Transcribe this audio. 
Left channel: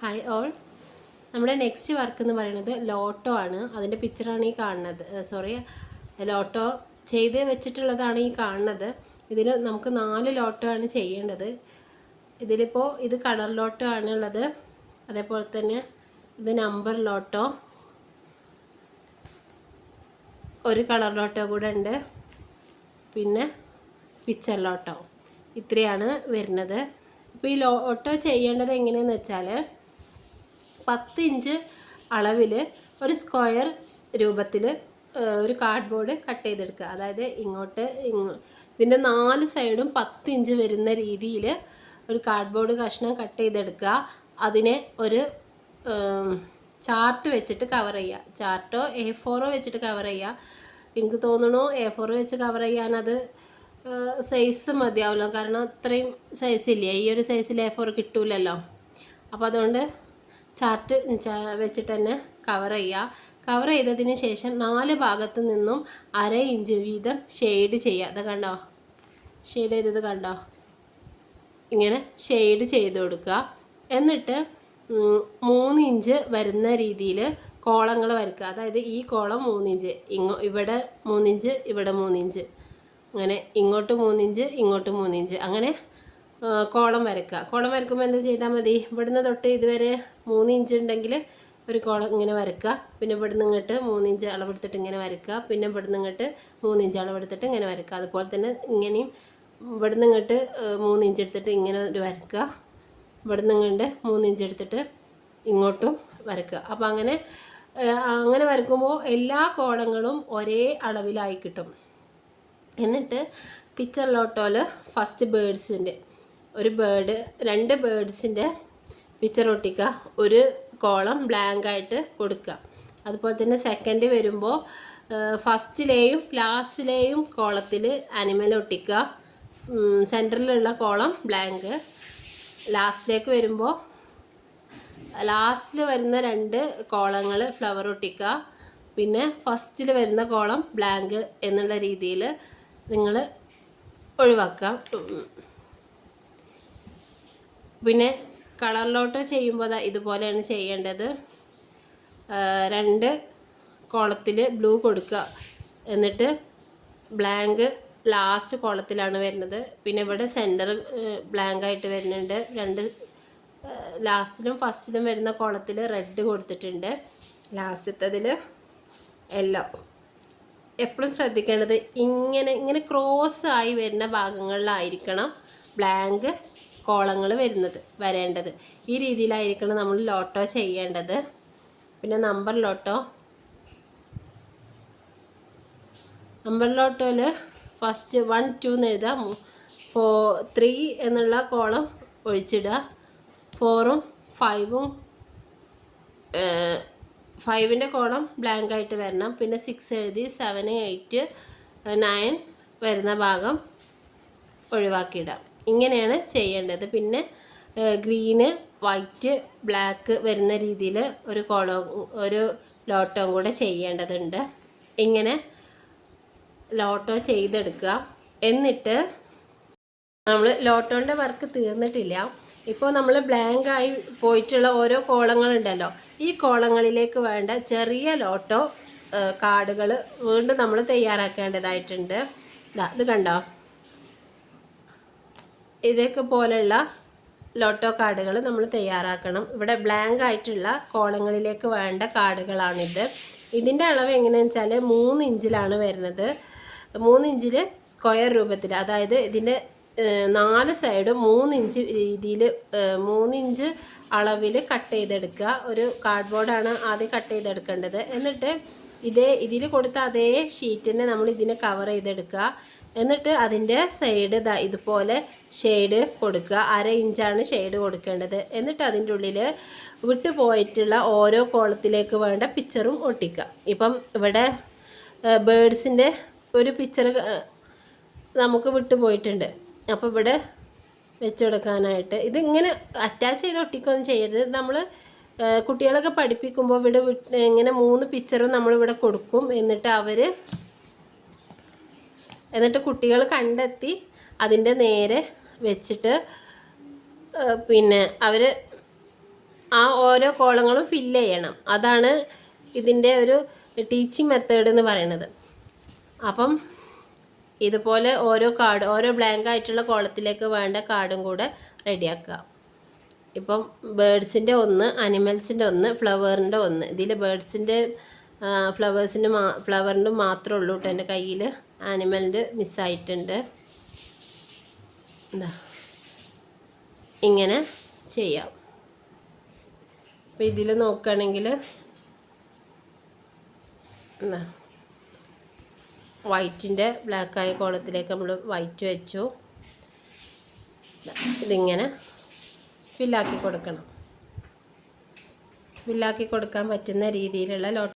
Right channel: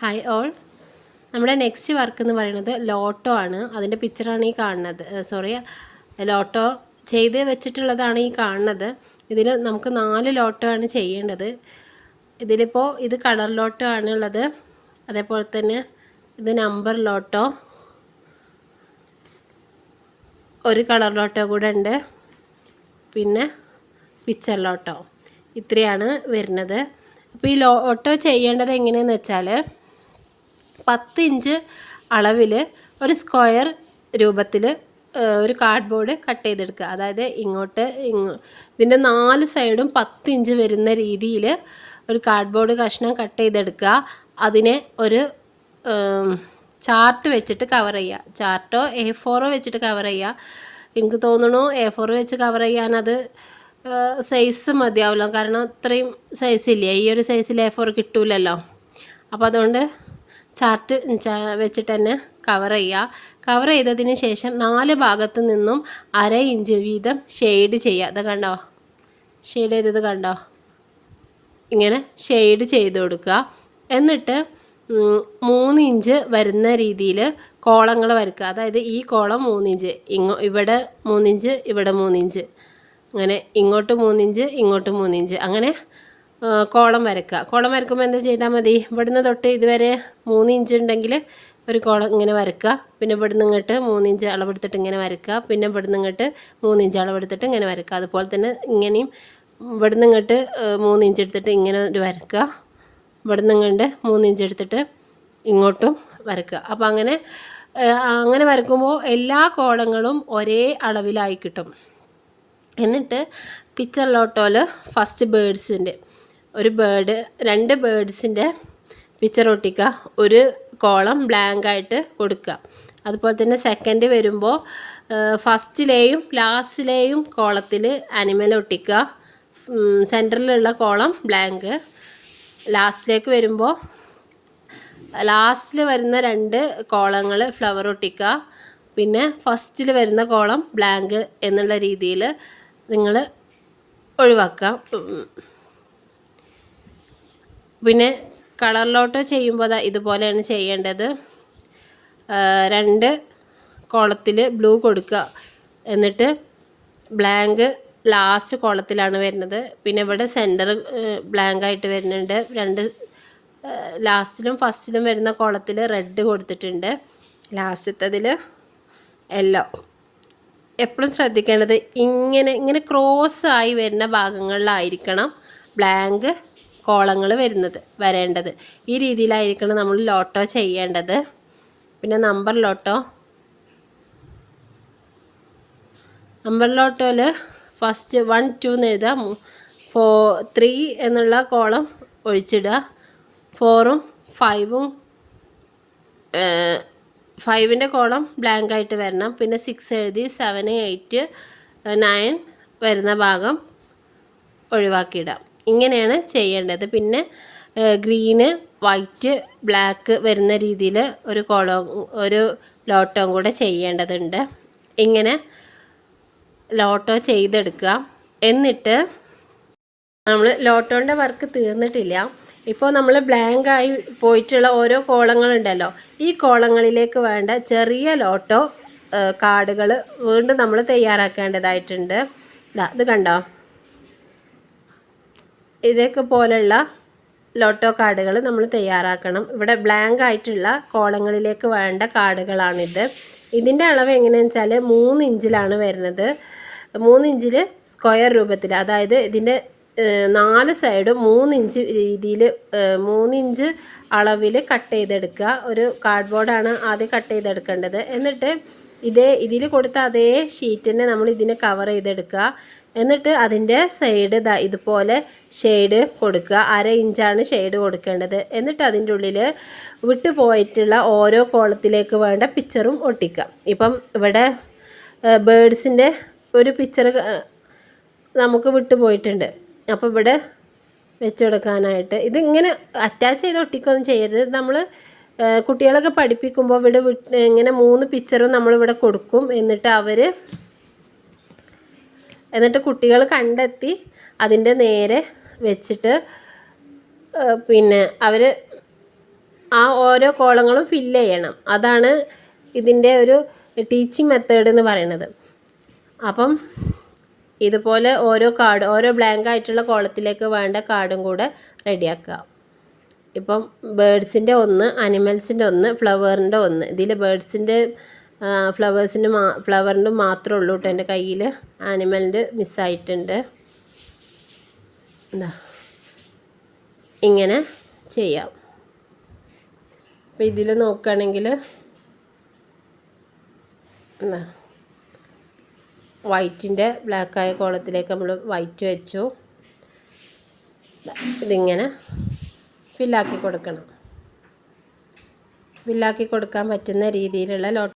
Hi all. നമ്മുടെ next work എന്ന് പറയുന്നത് ലോട്ടോ ആണ്. അതിൻ്റെ പിക്ചറാണ് ഈ കാണുന്നത്. ലോട്ടോ ചെയ്ത് വെച്ചിട്ടുള്ളതാണ് ഈ കാണുന്നത്. ഇതിൽ നമുക്ക് 4 ലോട്ടോ ആണ് ചെയ്യേണ്ടത്. ഇതിലിപ്പോൾ ഇത് കളർ ലോട്ടോ ആണുള്ളത്. അതേപോലെ തന്നെ ഇത് നമ്പർ ലോട്ടോ, ഒരു കളർ ലോട്ടോ കൂടെ ഉണ്ട്, പിന്നെ പിക്ചർ ലോട്ടോ. ഇത്രയാണ് വരുന്നത്. അപ്പോൾ ഈ ലോട്ടോ ചെയ്യേണ്ടത് എങ്ങനെയെന്ന് വെച്ചാൽ 10 ഇഞ്ച് അളവിൽ ഒരു സ്ക്വയർ രൂപത്തിൽ ഒരു കാർഡ്ബോർഡ് കട്ട് ചെയ്തെടുക്കുക. അതായത് ഇതിൻ്റെ 4 സൈഡും 10 ഇഞ്ച് വരുന്ന രീതിയിൽ ഒരു കാർഡ്ബോർഡ് കഷ്ണം കട്ട് ചെയ്തെടുക്കുക. അതിനെ ഒരു ചാർട്ട് വെച്ചിട്ട് കവർ ചെയ്യുക. ചാർട്ടോ A4 വെച്ചിട്ട് കവർ ചെയ്യുക. എനിക്ക് തോന്നുന്നു A4 വെച്ച് കവർ ചെയ്യാനത് സൈസ് മതിയാവില്ല. കാരണം അത്രയും സൈസില്ലേ, ഈ ഒരു സൈസിൽ A4 കിട്ടൂലല്ലോ. അപ്പോൾ അതുകൊണ്ട് ചാർട്ട് വെച്ചിട്ട് തന്നെ കവർ ചെയ്യുക. കവർ ചെയ്തതിന് ശേഷം 4 ഭാഗത്തു നിന്നും 1/2 ഇഞ്ച് വീതം ഷെയ്ഡ് ചെയ്യുക. അത് കണ്ടോ, ഷെയ്ഡ് ചെയ്തത് കണ്ടോ? ഇങ്ങനെ ഷെയ്ഡ് ചെയ്ത് കൊടുക്കുക. എന്നിട്ട് 3 ഇഞ്ച് വരുന്ന രീതിയിൽ കോളങ്ങൾ വരയ്ക്കുക. അതായത് ഈ കോളം 3 ഇഞ്ച്, ഇവിടെ 3 ഇഞ്ച്, ഇവിടെ 3 ഇഞ്ച്, അങ്ങനെ ഇങ്ങോട്ട് 3 ഇഞ്ച്, ഇങ്ങോട്ട് 3 ഇഞ്ച്, അങ്ങനെ കോളം വരയ്ക്കുക. കോളം വരയ്ക്കുമ്പോൾ എന്താ ചെയ്താൽ മതി, ഇവിടുന്ന് തൊട്ട് ഇതുവരെ 3 ഇഞ്ച് ഉണ്ടെങ്കിൽ ഒരു കോളം ഇങ്ങനെ വരയ്ക്കുക. പിന്നെ ഇവിടുന്ന് ഇങ്ങോട്ട് 3 ഇഞ്ച് അളവെടുത്തിട്ട് ഇങ്ങനെ വരയ്ക്കുക. പിന്നെ ഇവിടുന്ന് ഇങ്ങോട്ട് 3 ഇഞ്ച് അളവെടുത്തിട്ട് ഇങ്ങനെ വരയ്ക്കുക. അതുപോലെ തന്നെ ഇങ്ങനെയും ഇവിടുന്ന് ഇങ്ങോട്ട് 3 ഇഞ്ച് എടുത്തിട്ട് ഇങ്ങനെ ഒരു വരയ്ക്കുക. ഇവിടുന്ന് ഇങ്ങോട്ട് 3 ഇഞ്ച് എടുത്തിട്ട് ഇങ്ങോട്ടും വരയ്ക്കുക. അപ്പോൾ അങ്ങനെ വരയ്ക്കുമ്പോൾ എല്ലാ കോളങ്ങളും ഒരേ അളവിലായി കിട്ടും. എന്നിട്ട് പിക്ചർ ലോട്ടോയിൽ ഫസ്റ്റ് ബേഡ്സിൻ്റെ രണ്ട് ബേഡ്സിൻ്റെ പിക്ചർ ഒട്ടിക്കുക. ഒരു കോളം ബ്ലാങ്ക് ആയിട്ട് കൊടുക്കുക. അതുപോലെ തന്നെ സെക്കൻഡ് വരുമ്പോൾ ഫസ്റ്റിലെയും ലാസ്റ്റിലെയും കോളത്തിൽ ആനിമൽ ഒട്ടിക്കുക. സെൻറ്ററിലുള്ള കോളം ബ്ലാങ്ക്. ലാസ്റ്റിലേക്ക് വരുമ്പോൾ ലാസ്റ്റിൽ വരുന്ന 2 കോളങ്ങൾ ഫ്ലവർ ഒട്ടിക്കുക. പിന്നെ ഫസ്റ്റിൽ വരുന്ന കോളം ബ്ലാങ്ക് എന്നുള്ള രീതിയിൽ നിങ്ങൾ ഒഴിവാക്കാം. പിന്നെ കളർ ലോട്ടോ ചെയ്യുമ്പോൾ ഇതുപോലെയാണ് ചെയ്യേണ്ടത്. 2 കോളത്തിൽ ബ്ലൂ കൊടുക്കുക. എന്നിട്ട് ബ്ലാങ്ക് ലാസ്റ്റ് കോളത്തിലാണ് വരുന്നത്. പിന്നെ ഇവിടെ സെൻറ്റർ ബ്ലാങ്ക് ആയിട്ട് വരുന്നുണ്ട്. 2 ലാസ്റ്റിലും ഫസ്റ്റിലും വരുന്ന കോളത്തിൽ റെഡ് കൊടുത്തിട്ടുണ്ട്. ലാസ്റ്റത്തതിൽ യെല്ലോ. എപ്പോഴും ശ്രദ്ധിക്കേണ്ടത് ഇങ്ങനെ ക്രോസ് ആയി വരുന്ന ഭാഗങ്ങളിലായിരിക്കണം ബ്ലാങ്ക് കോളങ്ങൾ വരേണ്ടത്. ഈ രീതിയിലായിരിക്കണം നമ്മൾ ലോട്ടോ ചെയ്യേണ്ടത്. പിന്നെ നമ്പർ ലോട്ടോയിൽ ഫസ്റ്റ് 1 2 എന്ന് എഴുതാം. 3 എന്നുള്ള കോളം ഒഴിച്ചിടുക. 4ഉം 5ഉം 5ൻ്റെ കോളം ബ്ലാങ്ക് ആയിട്ട് വരണം. പിന്നെ 6 എഴുതി 7 8 9 വരുന്ന ഭാഗം ഒഴിവാക്കിയിടാം. ഇങ്ങനെയാണ് ചെയ്യേണ്ടത്. പിന്നെ ഗ്രീന് വൈറ്റ് ബ്ലാക്ക് വരുന്ന രീതിയിൽ ഒരു ലോട്ടോ കൂടെ ചെയ്യേണ്ടതുണ്ട്. ഇങ്ങനെ ലോട്ടോ ചെയ്തെടുക്കുക. എന്നിട്ട് നമ്മൾ ലോട്ടോൻ്റെ വർക്ക് തീർന്നിട്ടില്ല. ഇപ്പോൾ നമ്മൾ ബ്ലാങ്ക് ആയി പോയിട്ടുള്ള ഓരോ കോളങ്ങളുണ്ടല്ലോ, ഈ കോളങ്ങളിലേക്ക് വേണ്ട ചെറിയ ലോട്ടോ കാർഡുകൾ വീണ്ടും നമ്മൾ തയ്യാറാക്കേണ്ടതായിട്ടുണ്ട്. ഇത് കണ്ടോ, ഇതൊക്കെ പോലെയുള്ള ലോട്ടോ കാർഡുകൾ നമ്മൾ തയ്യാറാക്കണം. ഇവിടെ ബ്ലാങ്ക് ആയിട്ടുള്ള കോളങ്ങളിലേക്ക് വേണ്ട കാർഡുകളാണിത്. ഇതിൻ്റെ അളവ് എങ്ങനെയാണെന്ന് വെച്ചാൽ 3 ഇഞ്ചിലാണ് വരുന്നത്. 3 ഇഞ്ചിൽ സ്ക്വയർ രൂപത്തിൽ, അതായത് ഇതിൻ്റെ 4 സൈഡും 3 ഇഞ്ച് രീതിയിൽ 3 ഇഞ്ച് അളവിൽ കട്ട് ചെയ്തെടുക്കുക. ഒരു കാർഡ്ബോർഡാണ് ആദ്യം കട്ട് ചെയ്തെടുക്കേണ്ടത്. എന്നിട്ട് ഇതിൽ കൊടുത്ത അതേ ഷീറ്റിനെ നമ്മൾ ഇതിനെ കവർ ചെയ്തെടുക്കുക. എന്നിട്ട് അതിൻ്റെ സൈഡ് ഇതുപോലെ ഷെയ്ഡ് കൊടുക്കുക. 1/2 ഇഞ്ചാണ് ഷെയ്ഡ് കൊടുക്കേണ്ടത്. എന്നിട്ട് അതിൻ്റെ ഉള്ളിൽ വിട്ടു പോയിട്ടുള്ള ഓരോ കോളത്തിലേക്ക് വേണ്ട പിക്ചറും ഒട്ടിക്കുക. ഇപ്പം ഇവിടെ ബേഡ്സിൻ്റെ ഒരു പിക്ചർ നമുക്ക് വിട്ടുപോയിട്ടുണ്ട്. അപ്പോൾ ഇവിടെ വെച്ചെടുക്കാനായിട്ട് ഇതിങ്ങനെ അറ്റാച്ച് ചെയ്ത് ഒട്ടിക്കുകയൊന്നും ചെയ്യരുത്. നമ്മൾ കുട്ടികളൊക്കെ പഠിപ്പിക്കുമ്പോൾ ഇവിടെ ഇങ്ങനെ 3 പിക്ചറും നമ്മളിവിടെ കൊടുക്കും. എന്നിട്ട് കുട്ടികൾ കണ്ടെത്തി അതിൻ്റെ നേരെ വെച്ചിട്ട് പിന്നെ അവർ ആ ഓരോ കോളങ്ങളും ഫില്ല് ചെയ്യണം. അതാണ് ഇതിൻ്റെ ഒരു ടീച്ചിങ് മെത്തേഡ് എന്ന് പറയുന്നത്. അപ്പം ഇതുപോലെ ഓരോ ബ്ലാങ്ക് ആയിട്ടുള്ള കോളത്തിലേക്ക് വേണ്ട കാർഡും കൂടെ റെഡിയാക്കുക. ഇപ്പം ബേഡ്സിൻ്റെ ഒന്ന്, അനിമൽസിൻ്റെ ഒന്ന്, ഫ്ലവറിൻ്റെ ഒന്ന്. ഇതിൽ ബേഡ്സിൻ്റെ ഫ്ലവറിൻ്റെ മാത്രമേ ഉള്ളൂ കേട്ടോ എൻ്റെ കയ്യിൽ. ആനിമലിൻ്റെ മിസ്സായിട്ടുണ്ട്. എന്താ ഇങ്ങനെ ചെയ്യാം. അപ്പോൾ ഇതിൽ നോക്കുകയാണെങ്കിൽ എന്താ വൈറ്റിൻ്റെ ബ്ലാക്കായ കോളത്തിലേക്ക് നമ്മൾ വൈറ്റ് വെച്ചു. ഇതിങ്ങനെ ഫില്ലാക്കി കൊടുക്കണം. ഫില്ലാക്കി കൊടുക്കാൻ പറ്റുന്ന രീതിയിലുള്ള